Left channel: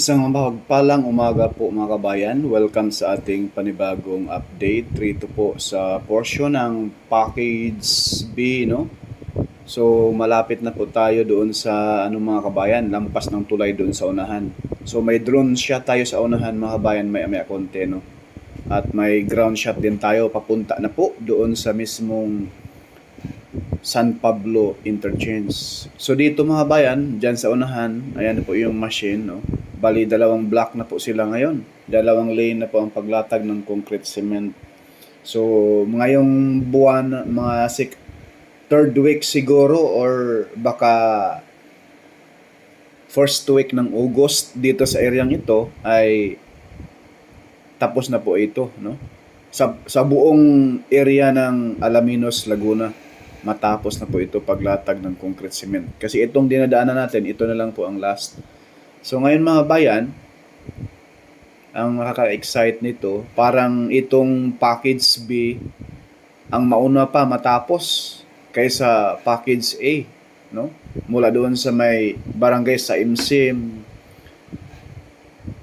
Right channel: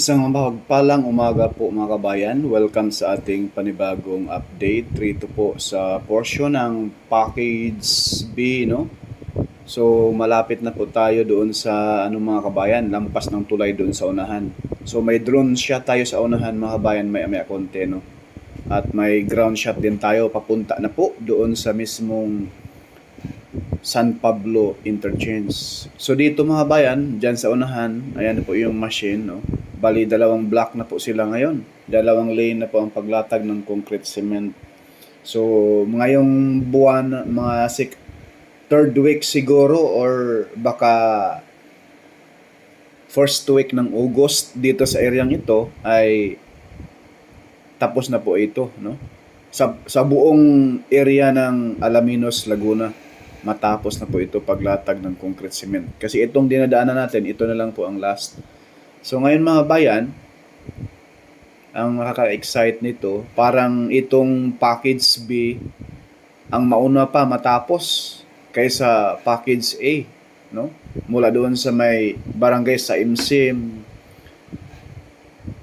Isang mapagpalang umaga po mga kabayan. Welcome sa ating panibagong update. Rito po sa portion ng package B, no? So, malapit na po tayo doon sa mga kabayan, lampas ng tulay doon sa unahan. So, may drone shot tayo sa unahan mga kabayan, may konti, no? At may ground shot din tayo papunta na po doon sa mismong San Pablo Interchange. So dito mga bayan, dyan sa unahan, ayan na po yung machine, no? Bali, dalawang block na po sila ngayon. Dalawang lane na po ang paglatag ng concrete cement. So, ngayong buwan, third week siguro or baka first week ng August dito sa areang ito ay tapos na po ito, no? Sa buong area ng Alaminos, Laguna, matapos na po ito paglatag ng concrete cement. Kasi itong dinadaanan natin, ito na lang po ang last. So ngayon mga bayan, ang nakaka-excite nito, parang itong package B ang mauna pa matapos kaysa package A, no? Mula doon sa may barangay sa Imsim,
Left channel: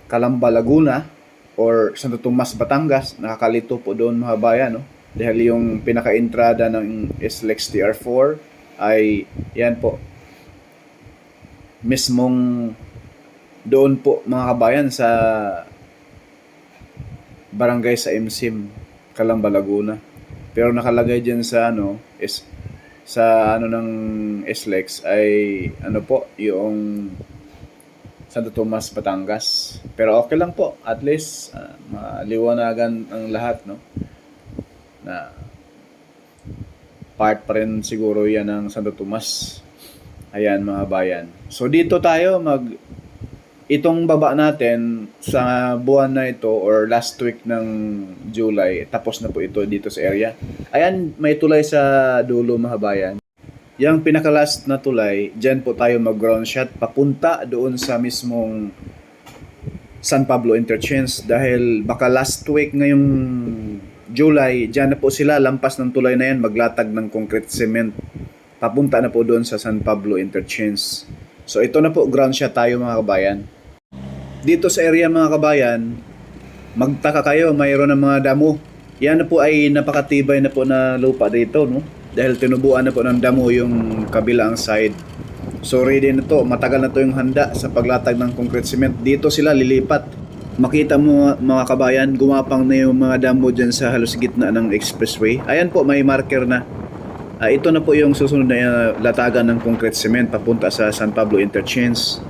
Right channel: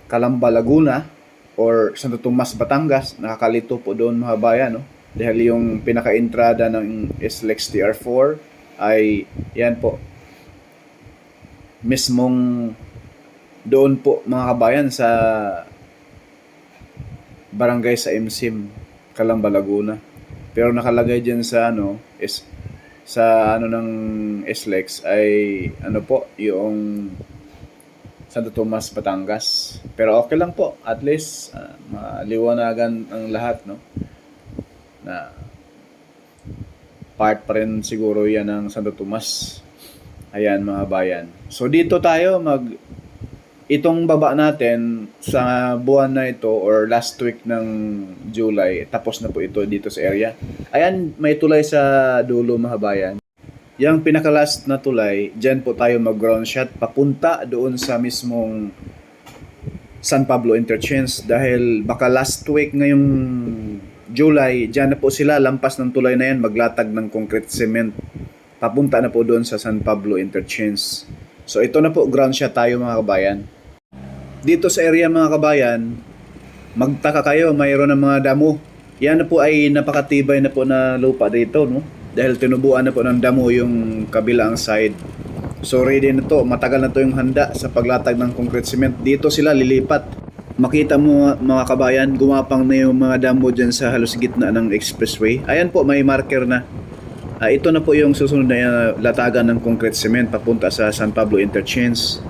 Calamba, Laguna, or Santo Tomas, Batangas, nakakalito po doon mga bayan, no? Dahil yung pinaka-entrada ng SLEX TR4 ay yan po, mismong doon po mga kabayan sa barangay sa Imsim, Calamba, Laguna. Pero nakalagay dyan sa ng SLEX ay po, yung Santo Tomas, Batangas. Pero okay lang po, at least maliwanagan ang lahat, no? Na part pa rin siguro yan ng Santo Tomas. Ayan mga bayan. So dito tayo itong baba natin sa buwan na ito or last week ng July, tapos na po ito dito sa area. Ayan, may tulay sa dulo mga bayan. Yung pinaka-last na tulay, dyan po tayo mag-ground shot papunta doon sa mismong San Pablo Interchange dahil baka last week ngayong July, dyan na po sila, lampas ng tulay na yan, maglatag ng concrete cement. Papunta na po doon sa San Pablo Interchange. So ito na po, ground shot tayo mga kabayan. Dito sa area mga kabayan, magtaka kayo, mayroon ng mga damo. Yan na po ay napakatibay na po na lupa dito, no? Dahil tinubuan na po ng damo yung kabilang side. So ready na to, matagal na to yung handa sa paglatag ng concrete cement. Dito sila lilipat. Makita mo mga kabayan, gumapang na yung mga damo dyan sa halos gitna ng expressway. Ayan po, may marker na. Ito na po yung susunod na latagan ng concrete cement papunta sa San Pablo Interchange.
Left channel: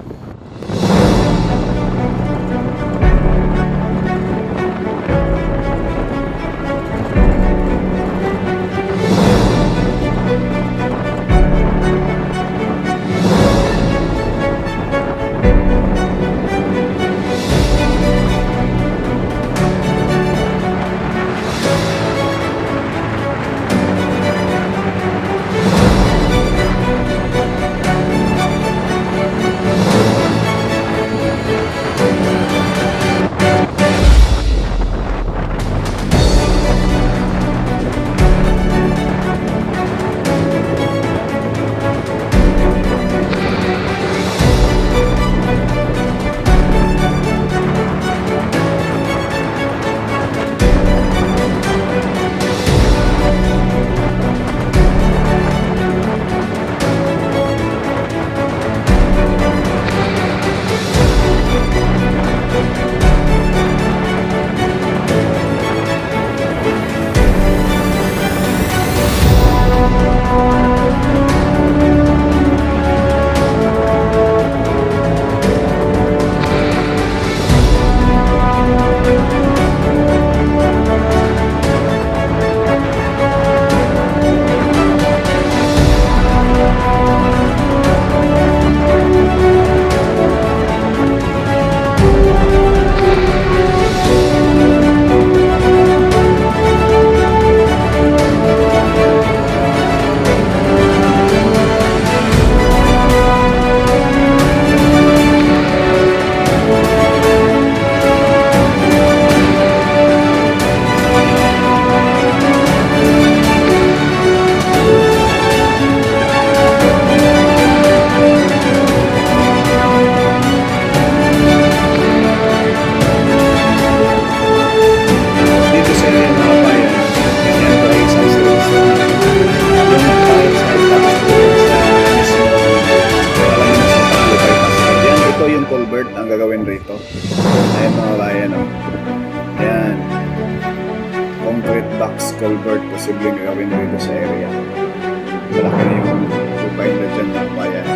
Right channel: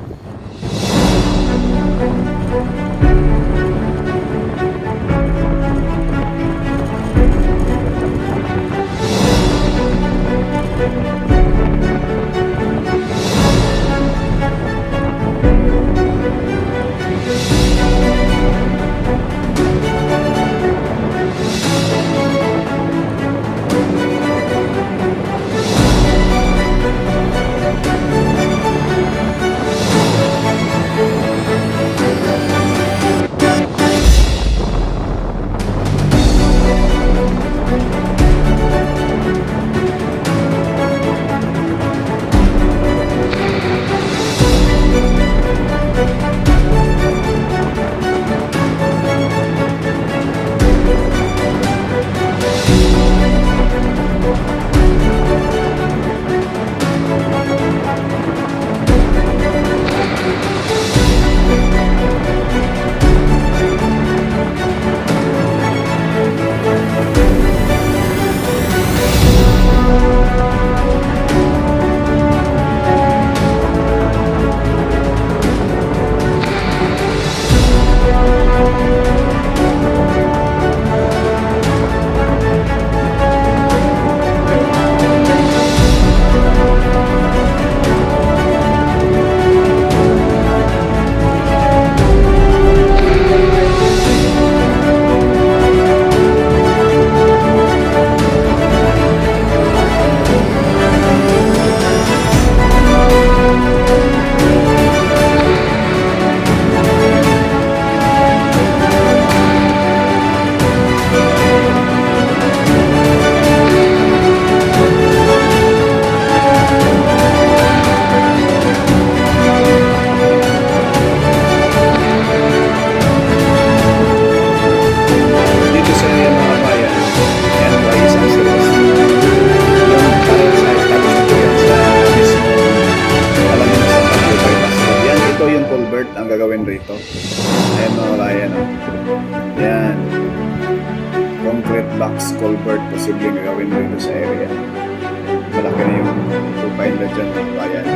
culvert ang gagawin rito. Ayan mga bayan, oh. Ayan. Concrete box culvert posibleng gagawin rito sa area. Malaki na yung hukay nila dyan mga bayan.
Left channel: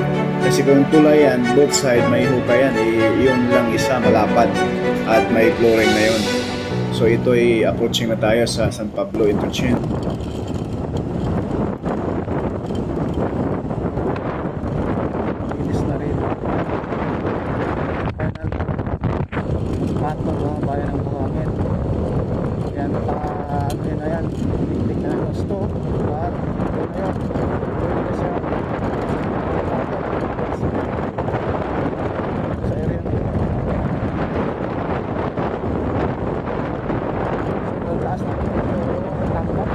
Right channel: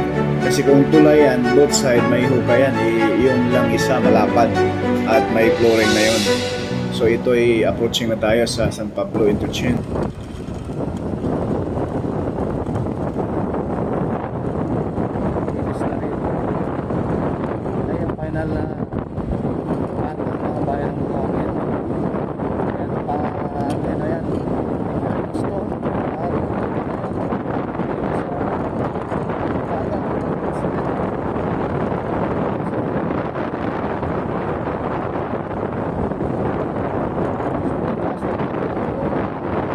Kasi kung tulay yan, both side may hukay yan, yung lang isa malapad at may flooring na yun. So ito ay approaching na tayo sa San Pablo Interchange. Inis na rin. Ayan, final na patong mga bayan ng buhangin. Ayan, ano na yan, tingting na yung store. At ito na yan, pwede na siya makaga na sa area. Taas na dito yung tambak.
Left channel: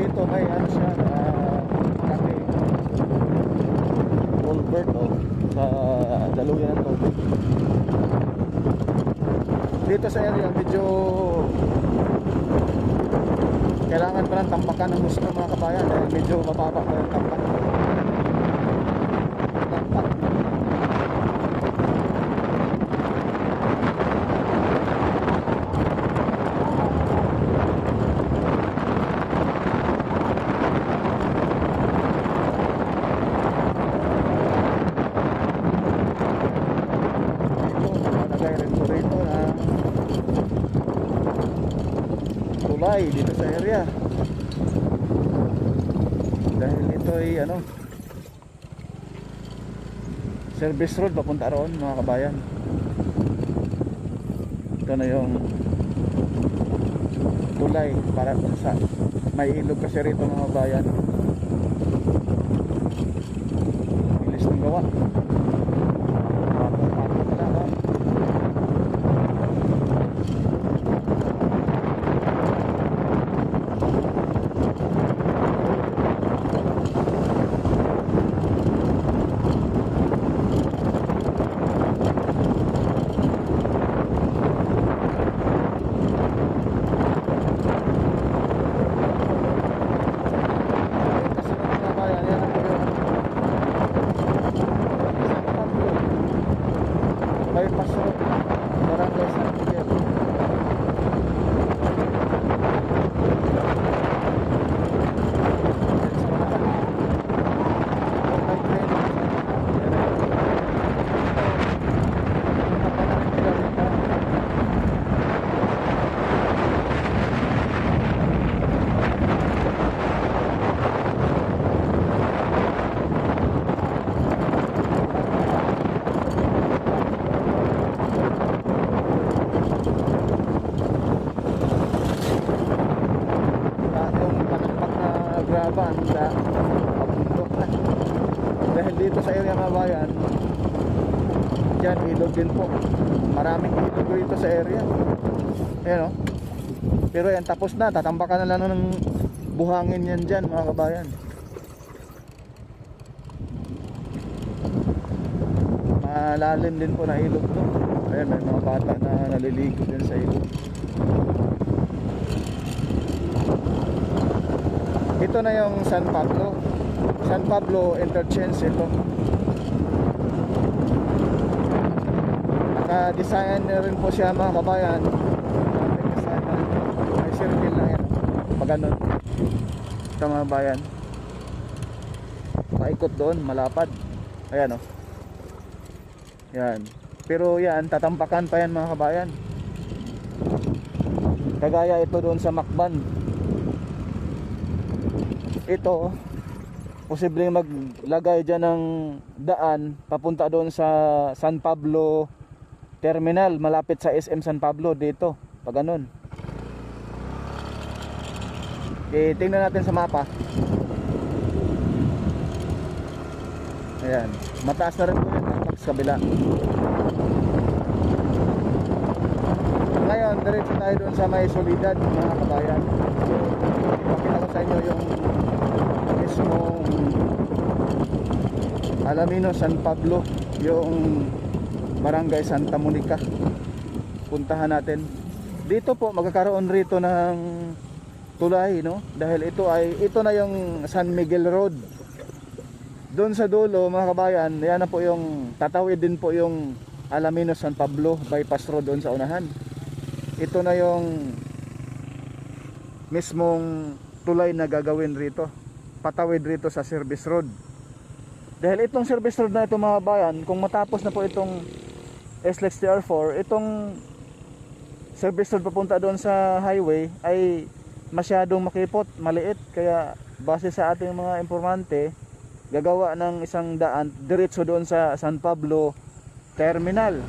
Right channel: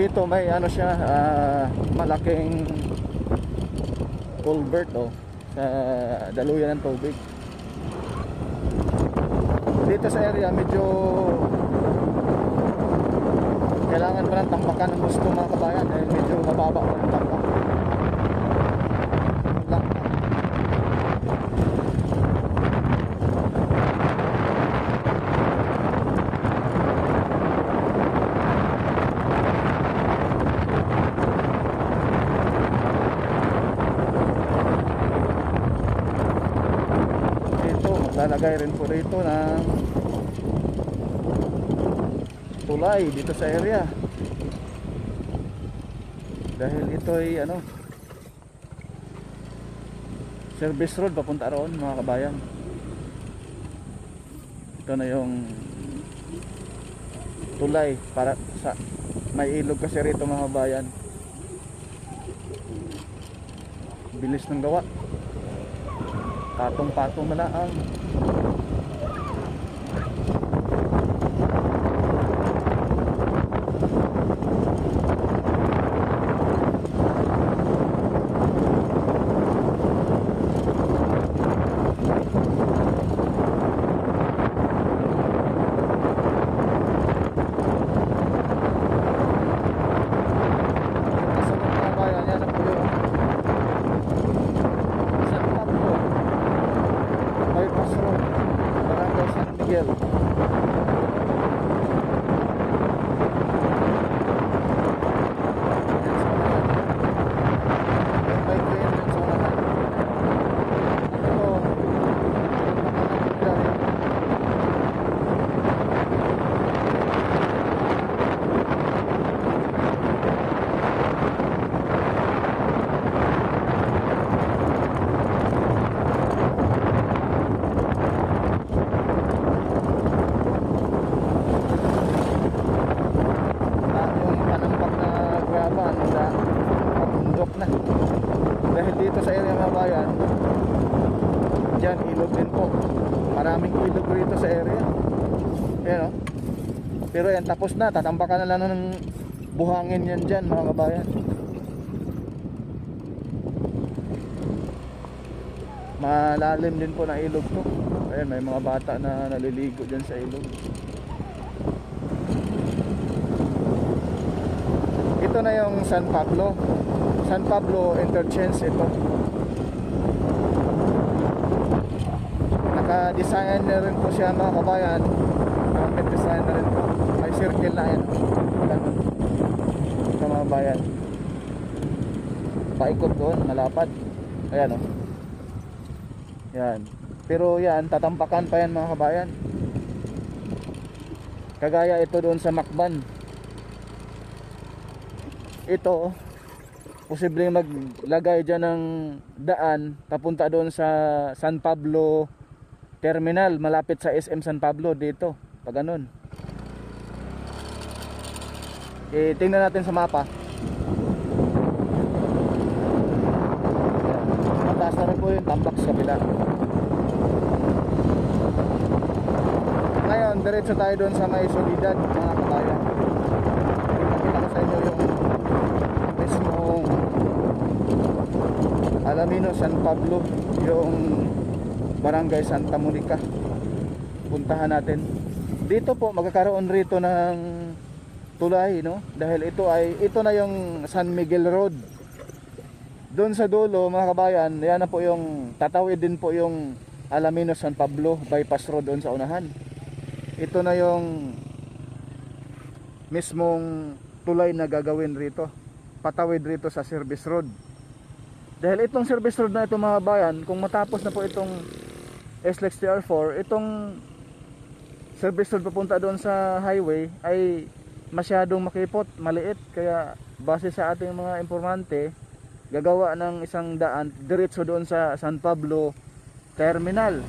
Dito may ano siya, malaking culvert sa daluyan ng tubig. Dito sa area medyo kailangan pa ng tambakan ng gusto mga kabayan dahil medyo mababa pa yung tambak. Maglalagay rin po rito ng tulay dito sa area dahil ito ay ano, service road papunta roon mga kabayan. Ito na yung tulay para sa may ilog kasi rito mga kabayan. Bilis ng gawa, patong-patong na lang. Bypass Road, Barangay San Miguel. Yan sa unahan. Yung may train yan sa unahan. Yan na yun. Ito, punta ka na rin nila rito. Graban na pabundok na dahil dito sa area mga bayan dyan ilog din po, maraming ilog dito sa area. Ayan o, pero yan tapos na, tatambakan na lang ng buhangin yan dyan mga kabayan. Malalim din po na ilog to. Ayan, may mga bata na naliligo dyan sa ilog. Ito na yung San Pablo Interchange ito. Naka-design na rin po siya mga kabayan. Complete design na rin po. May circle na yan. Pag ganun. Ito mga bayan. Paikot doon, malapad. Ayan o. Yan. Pero yan, tatampakan pa yan mga kabayan. Kagaya ito doon sa Macban. Ito posibleng maglagay dyan ng daan papunta doon sa San Pablo Terminal, malapit sa SM San Pablo dito, pag ganun. Tingnan natin sa mapa. Ayan, mataas na rin po yung tambak sa kabila. Ngayon diretso tayo doon sa may Solidad mga kabayan. Ipakita ko sa inyo yung mismong Alaminos, San Pablo, yung Barangay Santa Monica. Puntahan natin. Dito po magkakaroon rito ng tulay, no? Dahil ito na yung San Miguel Road. Doon sa dulo mga kabayan, yan na po yung tatawid din po yung Alaminos, San Pablo bypass road doon sa unahan. Ito na yung mismong tulay na gagawin rito, patawid rito sa service road. Dahil itong service road na ito mga kabayan, kung matapos na po itong SLEX TR4, itong service road papunta doon sa highway ay masyadong makipot, maliit. Kaya base sa ating mga informante, gagawa ng isang daan diretso doon sa San Pablo Terminal.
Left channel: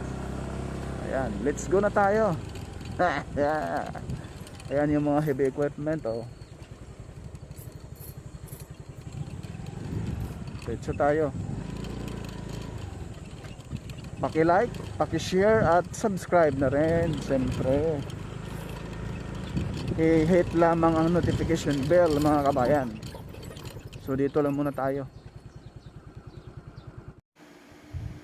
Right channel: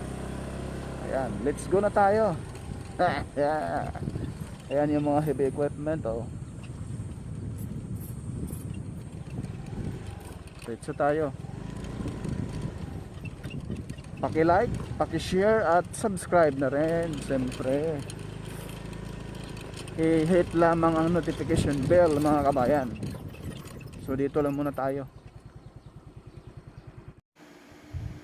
Ayan, let's go na tayo. Ayan yung mga heavy equipment, oh. Diretso tayo. Paki-like, paki-share at subscribe na rin, siyempre. I-hit lamang ang notification bell mga kabayan. So dito lang muna tayo.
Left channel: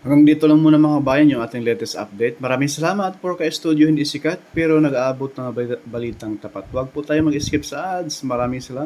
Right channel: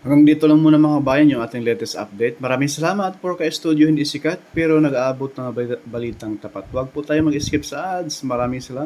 Hanggang dito lang muna mga kabayan yung ating latest update. Maraming salamat for ka-studio hindi sikat pero nag-aabot ng balitang tapat. Huwag po tayo mag-skip sa ads. Maraming salamat.